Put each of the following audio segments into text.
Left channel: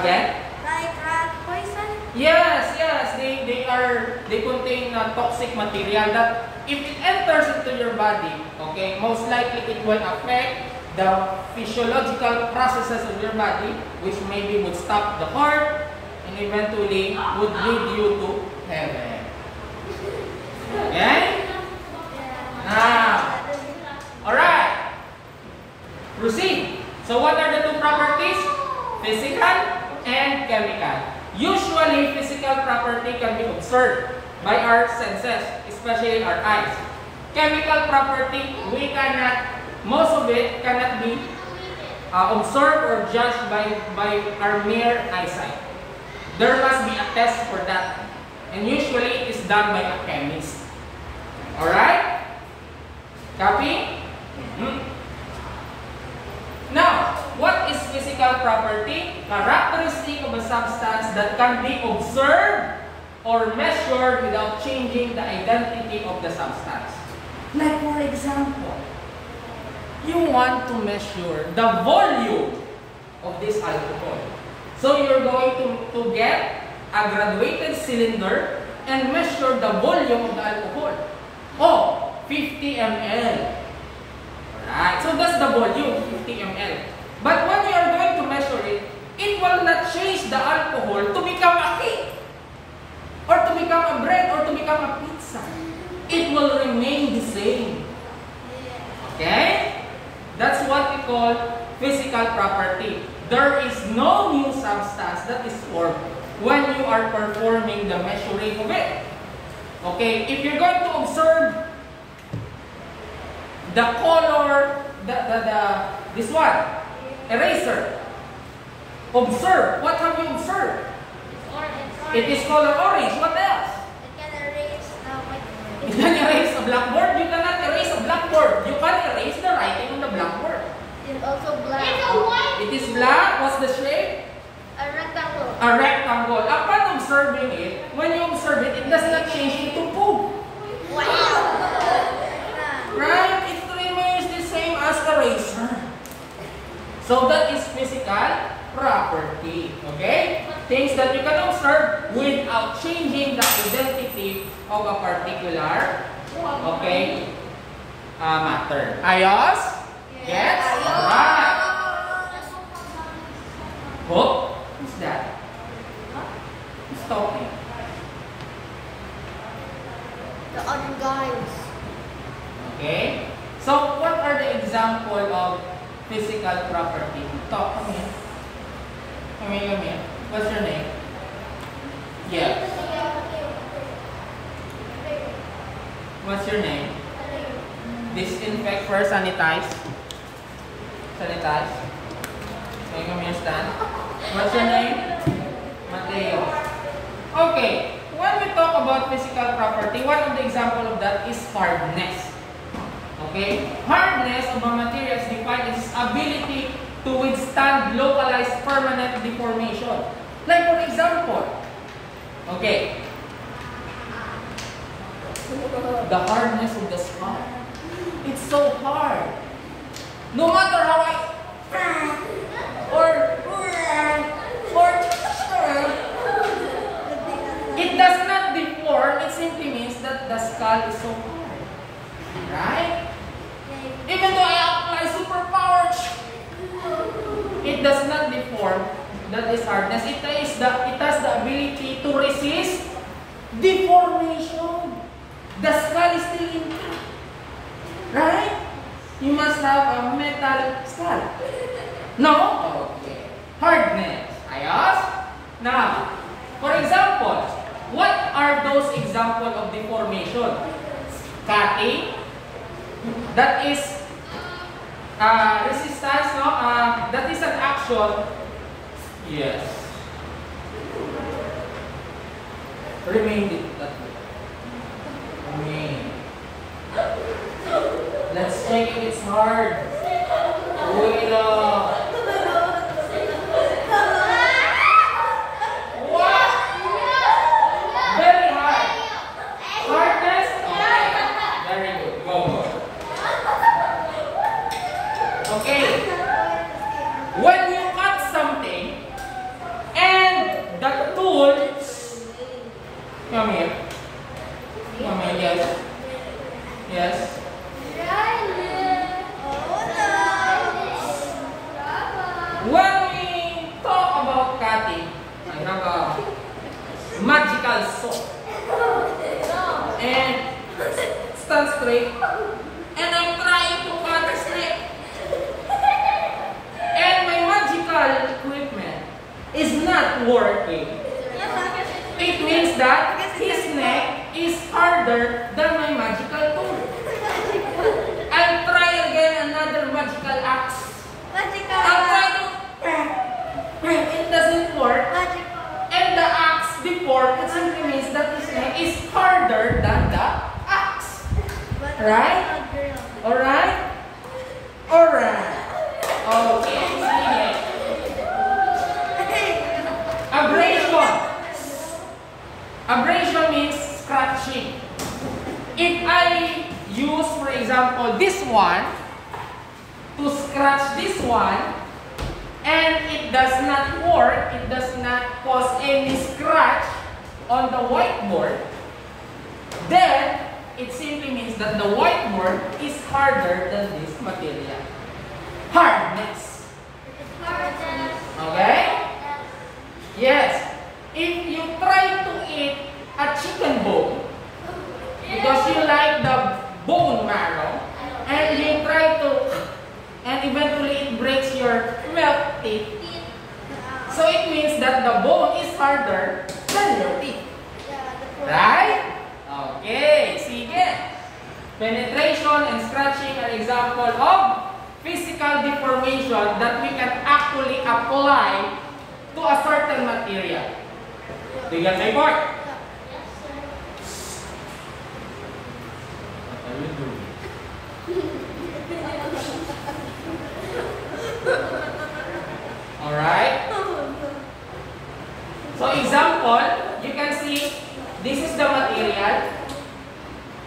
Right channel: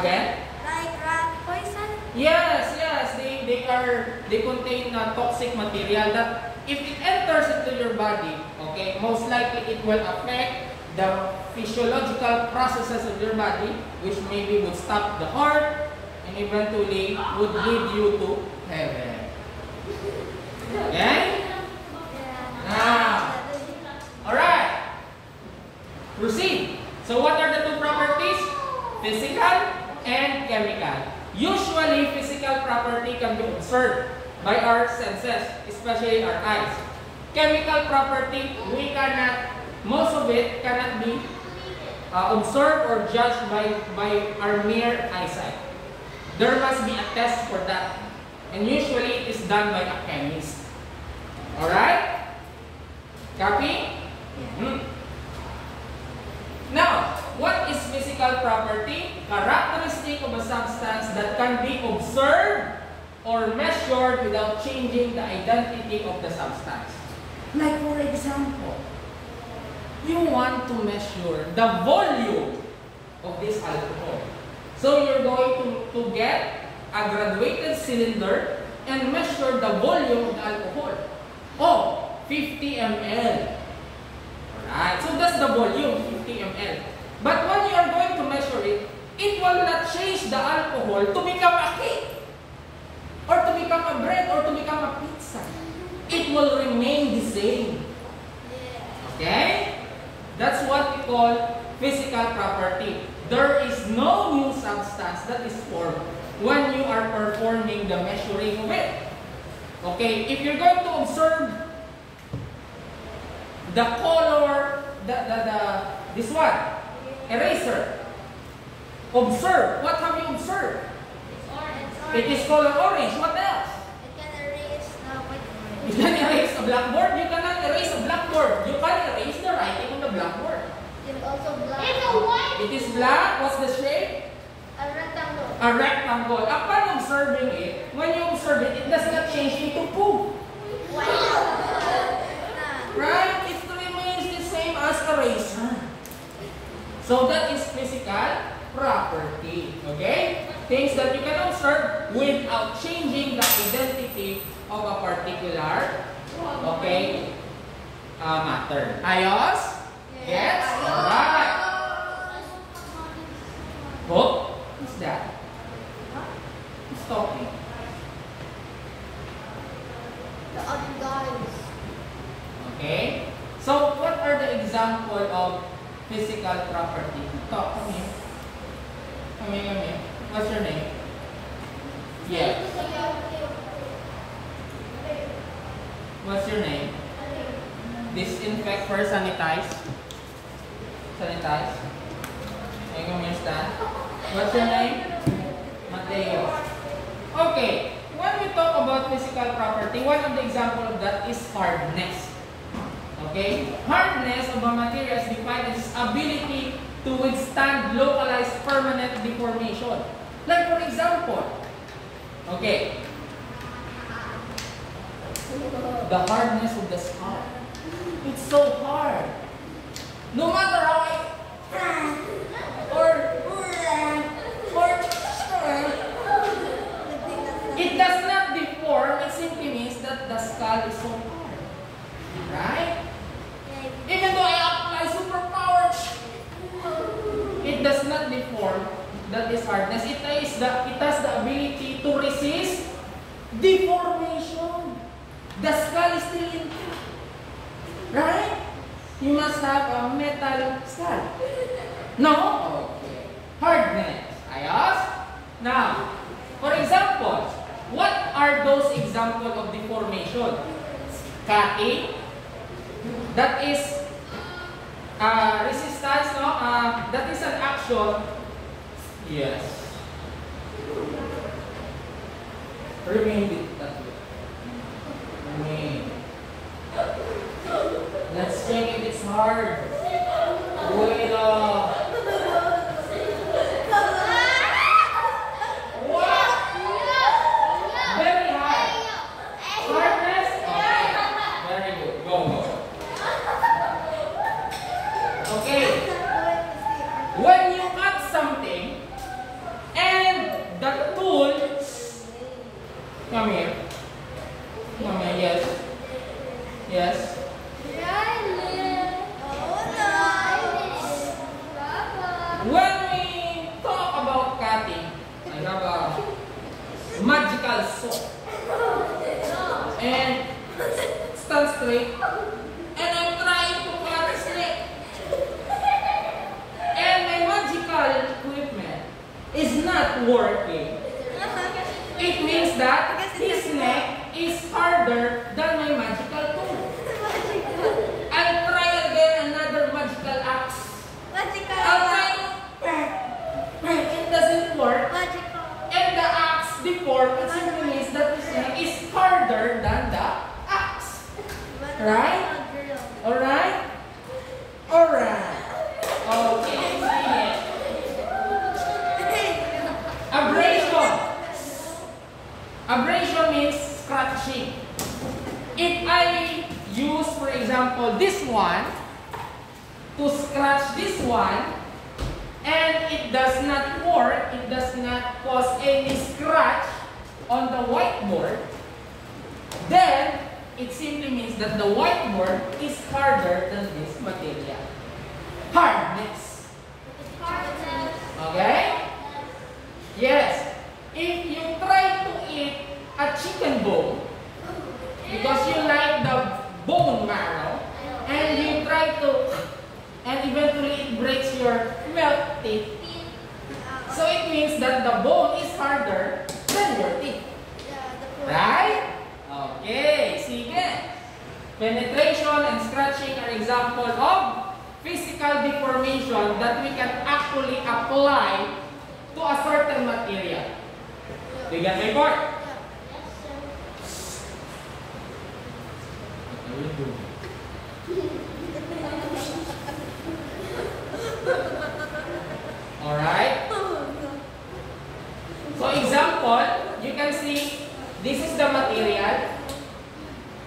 Again? Like rat poison? Yes, yes. They contain toxic material that if it enters into your body, okay, most likely it will affect the physiological processes of your body, which maybe would stop the heart and eventually would lead you to heaven. Okay? Now, alright. Proceed. So what are the two properties? Physical and chemical. Usually, physical property can be observed by our senses, especially our eyes. Chemical property, most of it cannot be observed or judged by our mere eyesight. There must be a test for that. And usually, it is done by a chemist. Alright? Copy? Now, what is physical property? Characteristic of a substance that can be observed or measured without changing the identity of the substance. Like for example, you want to measure the volume of this alcohol. So you're going to get a graduated cylinder and measure the volume of the alcohol. Oh, 50 ml. Alright, so that's the volume, 50 ml. But when you are going to measure it, it will not change the alcohol to become a cake, or to become a bread, or to become a pizza. It will remain the same. Okay? That's what we call physical property. There is no new substance that is formed when you are performing the measuring of it. Okay? If you're going to observe the color, this one, eraser. Observe. What have you observed? Orange. It is color orange. What else? You can erase You can erase a blackboard. You cannot erase a blackboard. You can erase the writing on the blackboard. It's also black. It is black. What's the shape? A rectangle. A rectangle. Upon observing it, when you observe it, it does not change into poo. Wow. Right? It remains the same as eraser. So that is physical property. Okay? Things that we can observe without changing the identity of a particular, okay, matter. Ayos? Yes? Alright. Oh, who's that? Who's talking? The other guys. Okay? So, what are the example of physical property? Talk, come here. Come here. What's your name? Yeah. What's your name? Disinfect first, sanitize. Sanitize. Can you come here, stand? What's your name? Mateo. Okay. When we talk about physical property, one of the example of that is hardness. Okay? Hardness of a material is defined as its ability to withstand localized permanent deformation. Like for example, okay, the hardness of the skull. It's so hard. No matter how it does not deform, it simply means that the skull is so hard. Right? Even though I apply superpowers, it does not deform. That is hardness. It has the ability to resist deformation. The skull is still intact. Right? You must have a metal skull. No? Okay. Hardness. Ayos? Now, for example, what are those examples of deformation? Cutting. That is resistance, no? That is an action. Yes. Remain it that way. Remain. Let's check if it's hard. Wait up. What? Very hard. Hardness? Okay. Very good. Go. Okay. When you cut something, Mamil? Mamil, yes. Yes. When we talk about cutting, I have a magical saw. And stand straight. And I'm trying to cut straight. And my magical equipment is not working. It means that his neck is harder than my magical tool. I'll try again another magical axe. I'll try to it doesn't work. And the axe before, it simply means that his neck is harder than the axe. Right? Alright? Alright. Okay, sige. Abrasion. Abrasion means scratching. If I use, for example, this one to scratch this one, and it does not work, it does not cause any scratch on the whiteboard, then it simply means that the whiteboard is harder than this material. Hardness. Okay? Yes. If you try to eat a chicken bone, because you like the bone marrow, and you try to, and eventually it breaks your milk teeth, so it means that the bone is harder than your teeth. Right? Okay, sige. Penetration and scratching are example of physical deformation that we can actually apply to a certain material. Do you get my point? Alright? So example, you can see this is the material.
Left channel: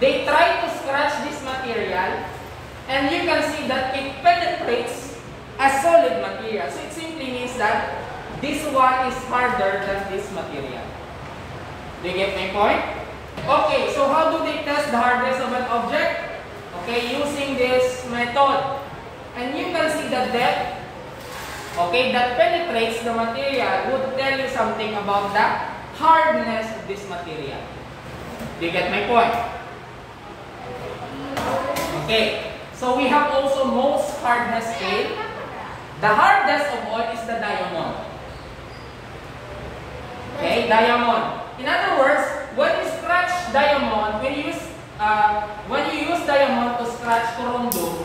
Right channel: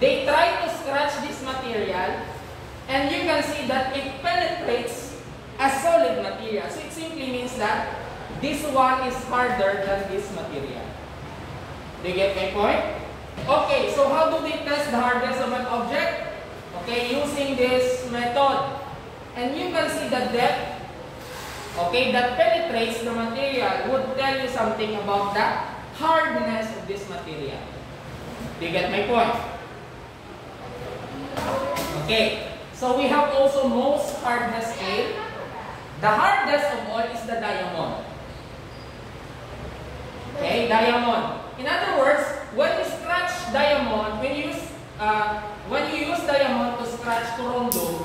They try to scratch this material, and you can see that it penetrates a solid material. So it simply means that this one is harder than this material. Do you get my point? Okay, so how do they test the hardness of an object? Okay, using this method. And you can see the depth, okay, that penetrates the material would tell you something about the hardness of this material. Do you get my point? Okay, so we have also most hardness scale. The hardest of all is the diamond. Okay, diamond. In other words, when you scratch diamond, when you use diamond to scratch corundum,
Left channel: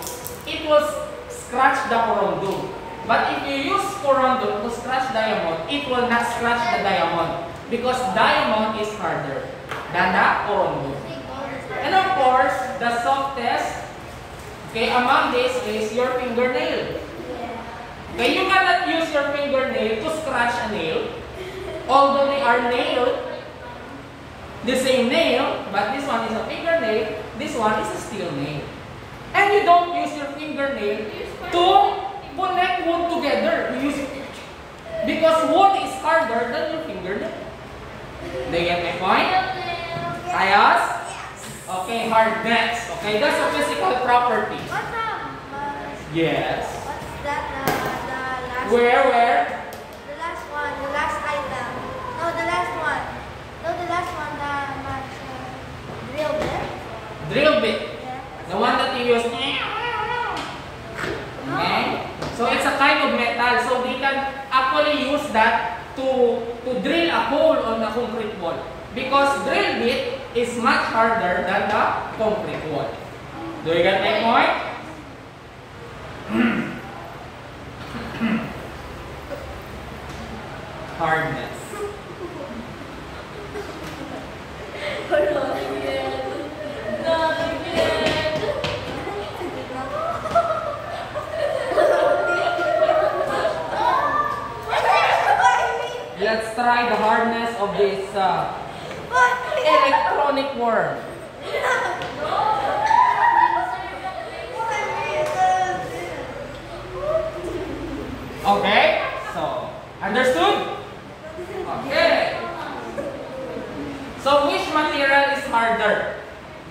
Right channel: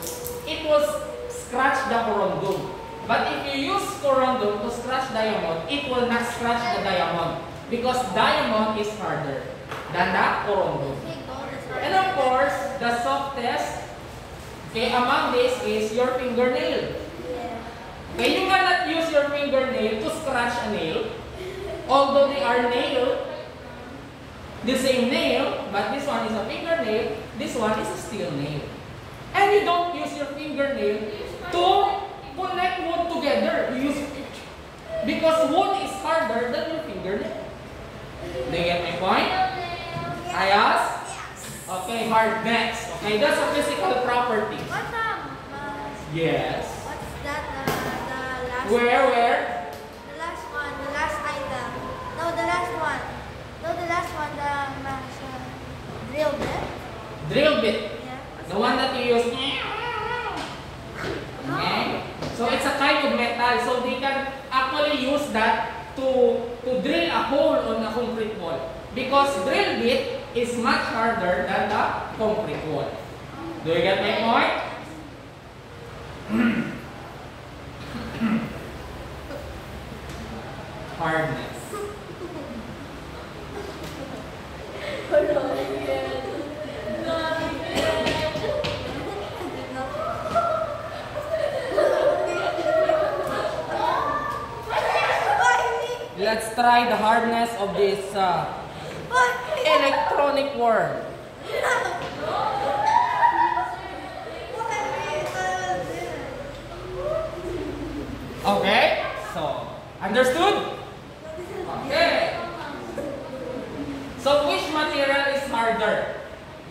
it will scratch the corundum. But if you use corundum to scratch diamond, it will not scratch the diamond because diamond is harder than the corundum. And of course, the softest, okay, among this is your fingernail. Okay, you cannot use your fingernail to scratch a nail, although they are nail, the same nail, but this one is a fingernail, this one is a steel nail. And you don't use your fingernail to connect wood together. You use it because wood is harder than your fingernail. Do you get my point? Ayos? Okay, hardness. Okay, that's a physical property. Yes. What's that? The last Where? The last one, the last item. No, the last one. No, the last one, the drill bit. Drill bit. Yeah. The one that you use. Okay? So it's a kind of metal. So they can actually use that to drill a hole on the concrete wall. Because drill bit is much harder than the concrete wall. Do you get my point? Hardness. Let's try the hardness of this electronic worm. Okay, so understood? Okay. So which harder.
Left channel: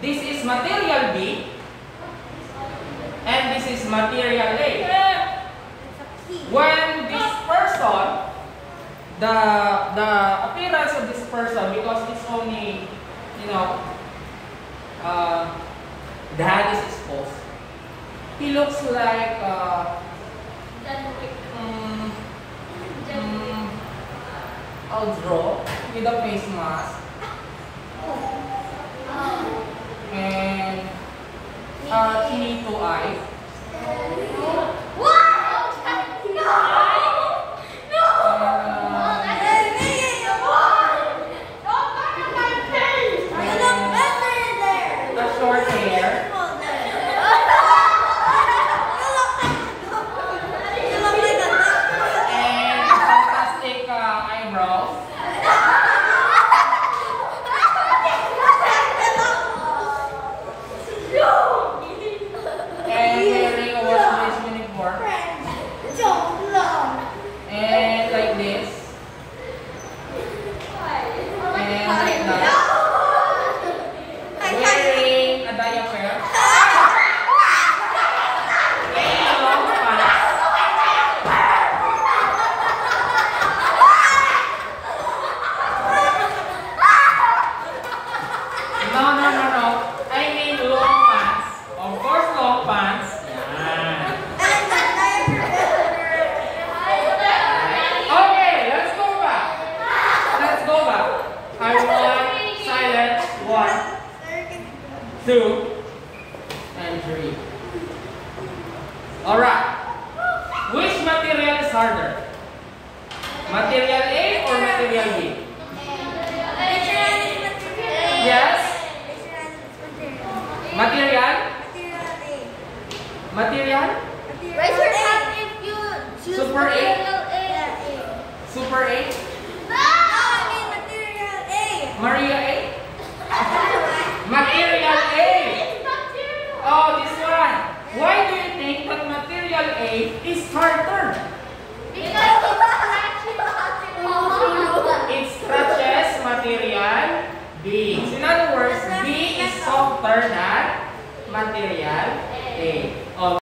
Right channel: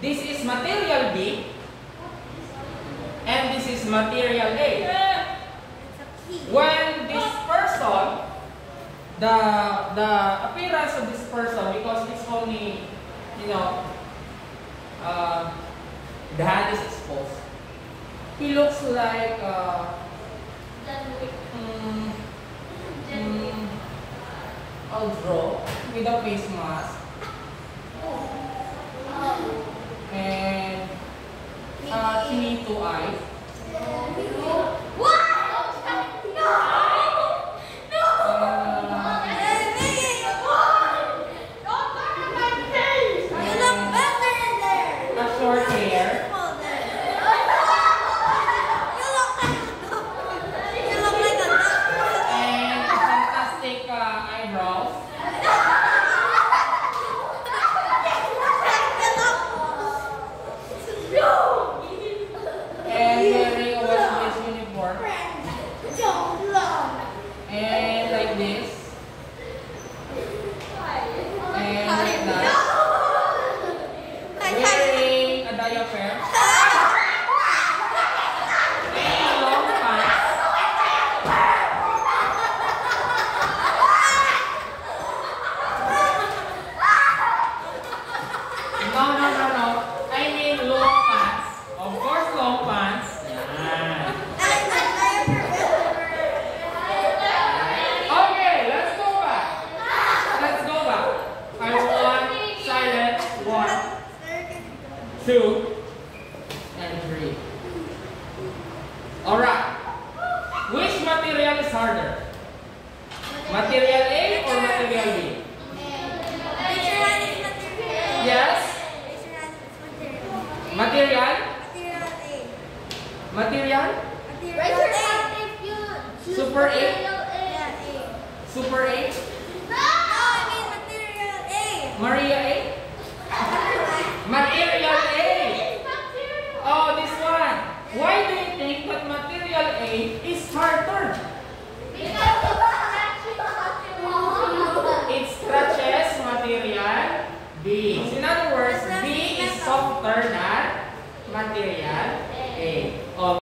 This is material B, and this is material A. When this person, the appearance of this person, because it's only, you know, the head is exposed, he looks like I'll draw with a face mask and chinito eyes. A short hair. And fantastic eyebrows. And wearing a wash uniform. And like this. And like that. Wearing a diaper. And long pants. No. I mean long pants. Of course, long pants. Yan. Okay, let's go back. I want silence. 1, 2, and 3. Alright. Which material is harder? Material A or material B? Yes? Material? Material? Raise your hand if you choose Super A? material A. Super A? No, I mean material A. Maria A? Material A! Oh, this one. Why do you think that material A is harder? It scratches material B. So in other words, B is softer than material A.